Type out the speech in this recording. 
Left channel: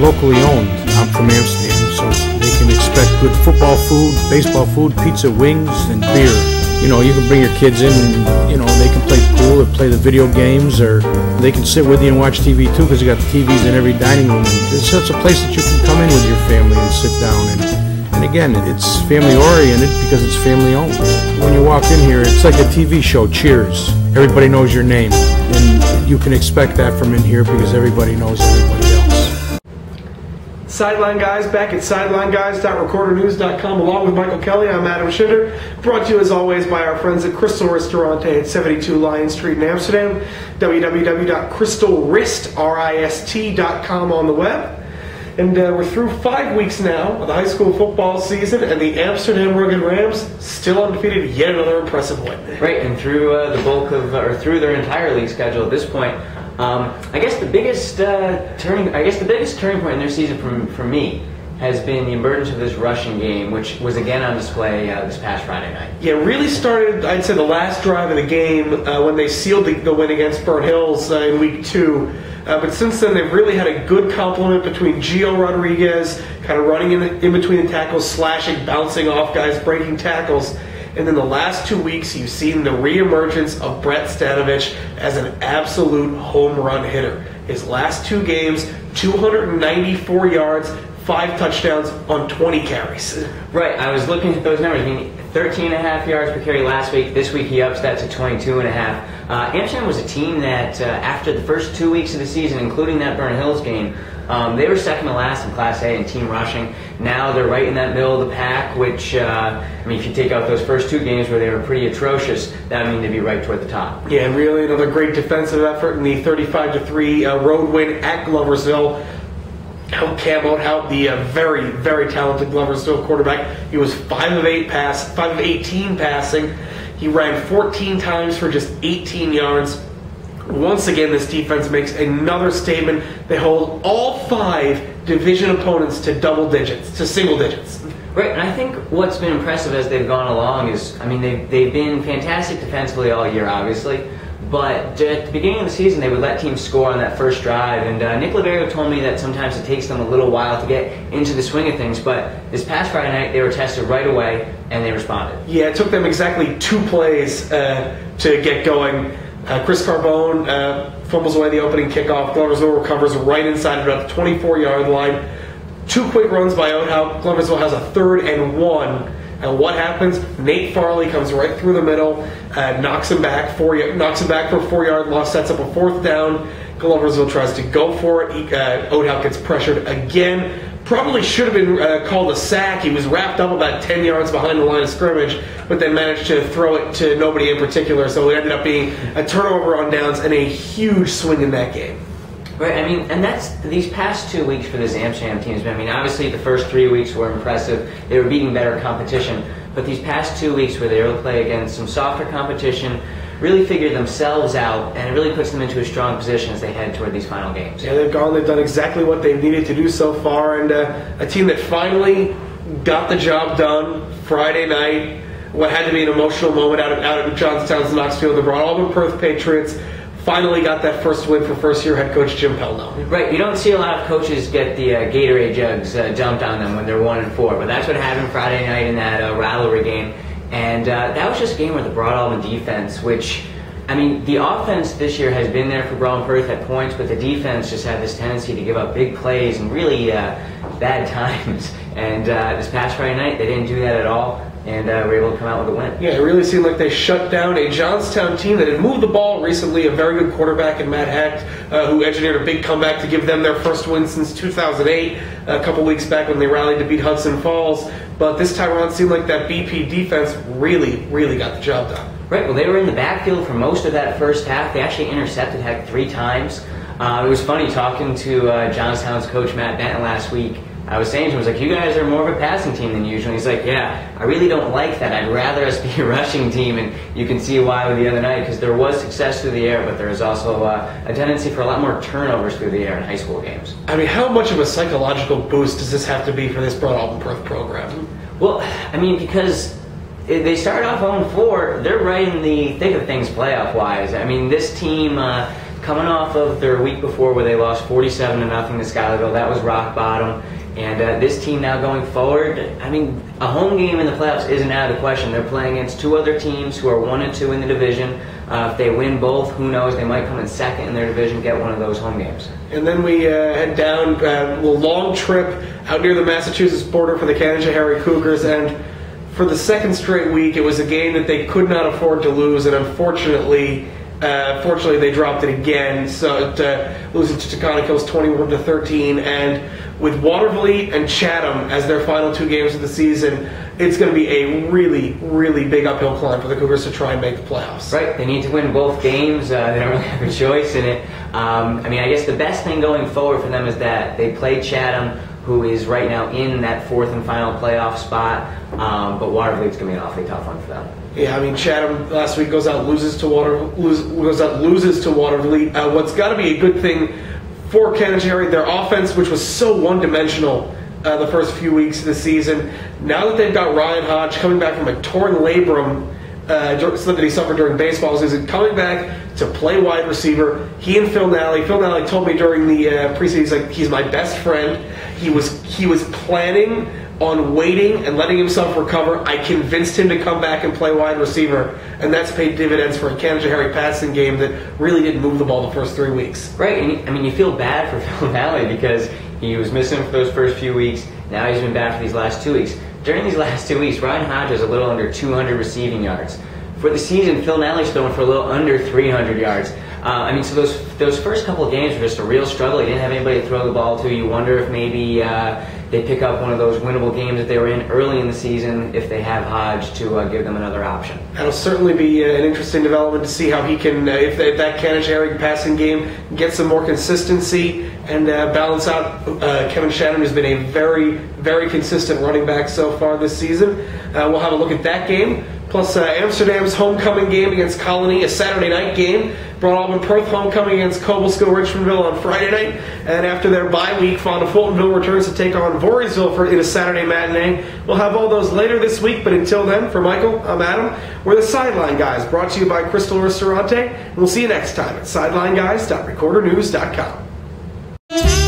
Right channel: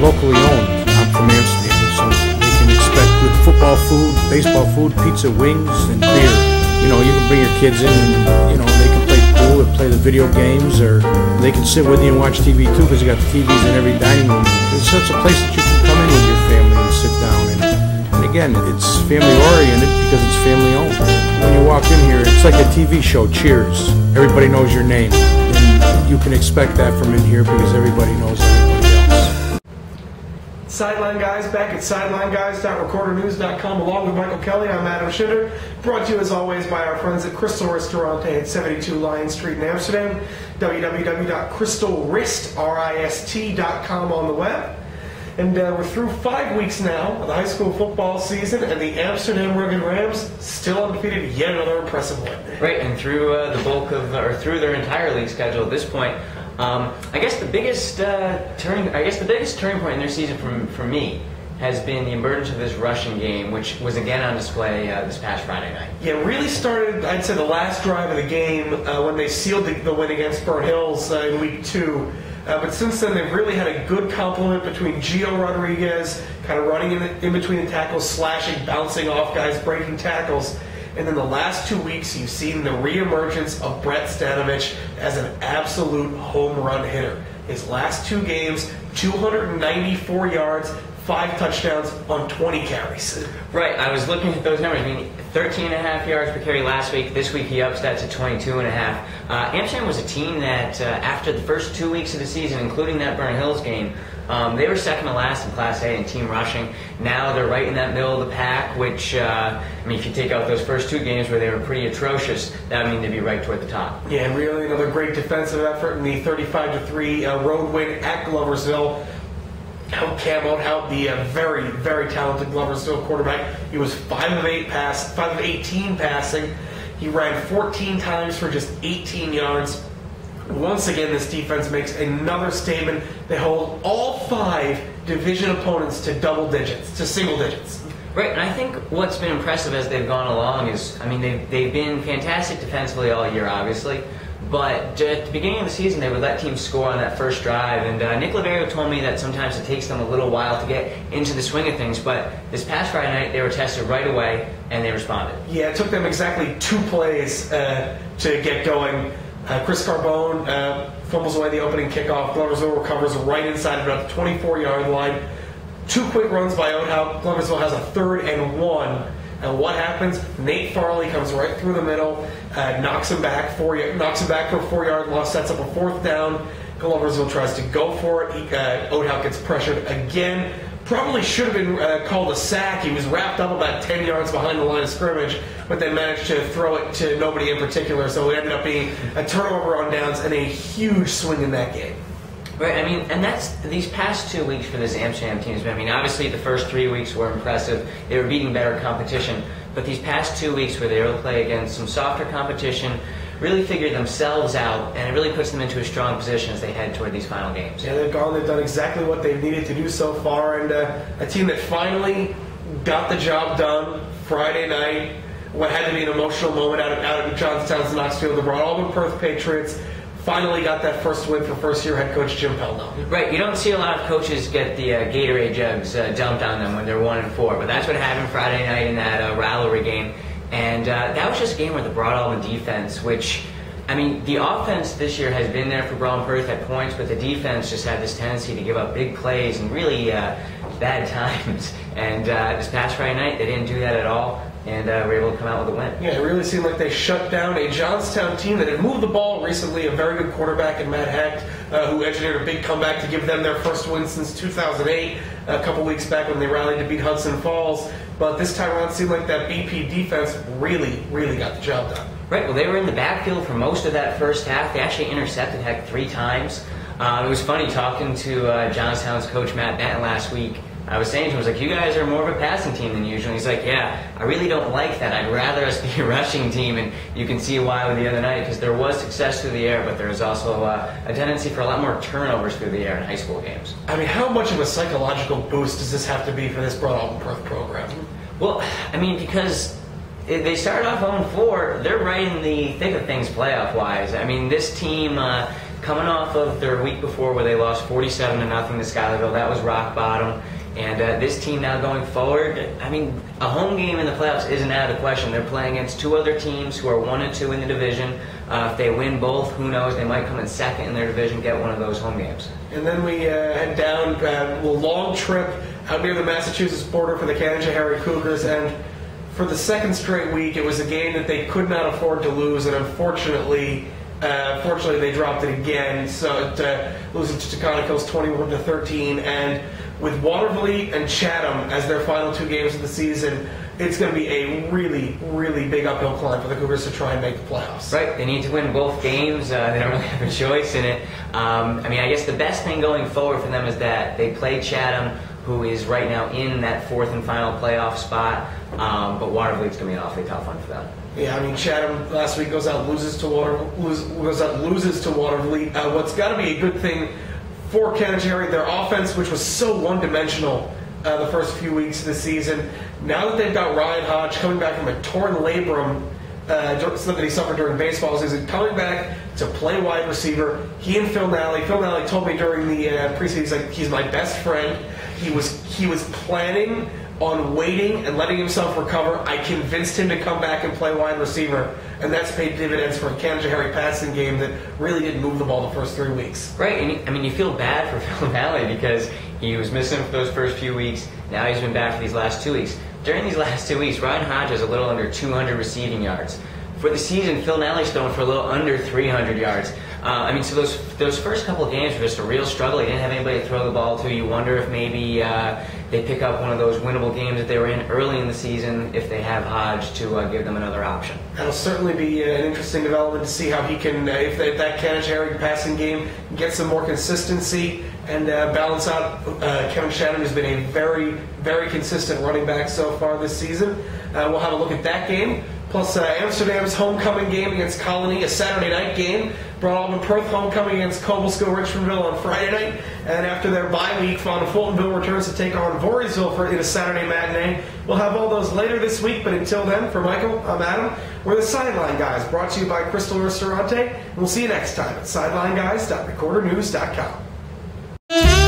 locally owned. I'm from Amsterdam, so they can expect good football food, baseball food, pizza, wings, and beer. You know, you can bring your kids in and, you know, they can play pool or play the video games, or they can sit with you and watch TV too, because you got the TVs in every dining room. It's such a place that you can come in with your family and sit down. And again, it's family oriented because it's family owned. When you walk in here, it's like a TV show, Cheers. Everybody knows your name. And you can expect that from in here because everybody knows everybody else. Sideline Guys back at sidelineguys.recordernews.com along with Michael Kelly. I'm Adam Schinder. Brought to you as always by our friends at Crystal Ristorante at 72 Lion Street in Amsterdam. www.crystalrist.com on the web. And we're through 5 weeks now of the high school football season, and the Amsterdam Rugged Rams still undefeated, yet another impressive win. Right, and through the bulk of, or through their entire league schedule at this point, I guess the biggest turning point in their season for me has been the emergence of this rushing game, which was again on display this past Friday night. Yeah, it really started, I'd say, the last drive of the game when they sealed the win against Burnt Hills in week 2. But since then, they've really had a good complement between Gio Rodriguez, kind of running in between the tackles, slashing, bouncing off guys, breaking tackles. And then the last 2 weeks, you've seen the reemergence of Brett Stanovich as an absolute home run hitter. His last 2 games, 294 yards, 5 touchdowns on 20 carries. Right, I was looking at those numbers. I mean, 13.5 yards per carry last week. This week he ups that to 22.5. Amsterdam was a team that after the first 2 weeks of the season, including that Burnt Hills game, they were second to last in Class A in team rushing. Now they're right in that middle of the pack, which, I mean, if you take out those first 2 games where they were pretty atrocious, that would mean they'd be right toward the top. Yeah, and really another great defensive effort in the 35-3 road win at Gloversville. Cam out the very, very talented Gloversville quarterback. He was 5 of 18 passing. He ran 14 times for just 18 yards. Once again, this defense makes another statement. They hold all 5 division opponents to double digits, to single digits. Right, and I think what's been impressive as they've gone along is, I mean, they've been fantastic defensively all year, obviously. But at the beginning of the season, they would let teams score on that first drive. And Nick Laverio told me that sometimes it takes them a little while to get into the swing of things. But this past Friday night, they were tested right away, and they responded. Yeah, it took them exactly 2 plays to get going. Chris Carbone fumbles away the opening kickoff. Gloversville recovers right inside of about the 24-yard line. 2 quick runs by Oathout. Gloversville has a 3rd and 1. And what happens? Nate Farley comes right through the middle, knocks him back for a 4-yard loss, sets up a 4th down. Gloversville tries to go for it. Oathout gets pressured again. Probably should have been called a sack. He was wrapped up about 10 yards behind the line of scrimmage, but then managed to throw it to nobody in particular. So it ended up being a turnover on downs and a huge swing in that game. Right, I mean, and that's these past 2 weeks for this Amsterdam team. I mean, obviously the first 3 weeks were impressive. They were beating better competition. But these past 2 weeks where they were able to play against some softer competition, really figured themselves out, and it really puts them into a strong position as they head toward these final games. Yeah, they've done exactly what they've needed to do so far, and a team that finally got the job done Friday night. What had to be an emotional moment out of Johnstown's Knoxfield, the Broad Auburn Perth Patriots finally got that first win for first-year head coach Jim Pelno. Right, you don't see a lot of coaches get the Gatorade jugs dumped on them when they're 1-4, but that's what happened Friday night in that rivalry game. And that was just a game where the Broad Auburn defense, which, I mean, the offense this year has been there for Broad Perth at points, but the defense just had this tendency to give up big plays and really bad times. And this past Friday night, they didn't do that at all. And were able to come out with a win. Yeah, it really seemed like they shut down a Johnstown team that had moved the ball recently, a very good quarterback in Matt Hecht, who engineered a big comeback to give them their first win since 2008, a couple weeks back when they rallied to beat Hudson Falls. But this time around, it seemed like that BP defense really, really got the job done. Right, well, they were in the backfield for most of that first half. They actually intercepted Hecht 3 times. It was funny talking to Johnstown's coach Matt Benton last week. I was saying to him, I was like, you guys are more of a passing team than usual. And he's like, yeah, I really don't like that. I'd rather us be a rushing team. And you can see why with the other night, because there was success through the air, but there is also a tendency for a lot more turnovers through the air in high school games. I mean, how much of a psychological boost does this have to be for this Broad Auburn Perth program? Well, I mean, because they started off 0-4, they're right in the thick of things playoff-wise. I mean, this team, coming off of their week before where they lost 47-0 to Schuylerville. That was rock bottom. And this team now going forward, I mean, a home game in the playoffs isn't out of the question. They're playing against two other teams who are 1-2 in the division. If they win both, who knows? They might come in second in their division, get one of those home games. And then we head down a long trip out near the Massachusetts border for the Canajoharie Cougars. And for the second straight week, it was a game that they could not afford to lose. And unfortunately, they dropped it again. So losing to Taconic Hills 21-13, and with Watervliet and Chatham as their final two games of the season, it's going to be a really, really big uphill climb for the Cougars to try and make the playoffs. Right, they need to win both games. They don't really have a choice in it. I guess the best thing going forward for them is that they played Chatham, who is right now in that fourth and final playoff spot. But Watervliet's going to be an awfully tough one for them. Yeah, Chatham last week goes out loses to Watervliet. What's got to be a good thing for Canajoharie, their offense, which was so one-dimensional the first few weeks of the season. Now that they've got Ryan Hodge coming back from a torn labrum that he suffered during baseball season, coming back to play wide receiver, he and Phil Nally told me during the preseason, he's my best friend. He was planning on waiting and letting himself recover. I convinced him to come back and play wide receiver, and that's paid dividends for a Canajoharie passing game that really didn't move the ball the first 3 weeks. Right, and you feel bad for Phil Nally because he was missing for those first few weeks. Now he's been back for these last 2 weeks. During these last 2 weeks, Ryan Hodge has a little under 200 receiving yards. For the season, Phil Nally's throwing for a little under 300 yards. So those first couple of games were just a real struggle. He didn't have anybody to throw the ball to. You wonder if maybe they pick up one of those winnable games that they were in early in the season if they have Hodge to give them another option. That'll certainly be an interesting development to see how he can, if that Canajoharie passing game get some more consistency and balance out Kevin Shannon, who's been a very, very consistent running back so far this season. We'll have a look at that game. Plus Amsterdam's homecoming game against Colony, a Saturday night game. Broad Alban Perth homecoming against Cobblesville Richmondville on Friday night. And after their bye week, Fonda Fultonville returns to take on Voorheesville in a Saturday matinee. We'll have all those later this week, but until then, for Michael, I'm Adam. We're the Sideline Guys, brought to you by Crystal Ristorante. And we'll see you next time at sidelineguys.recordernews.com.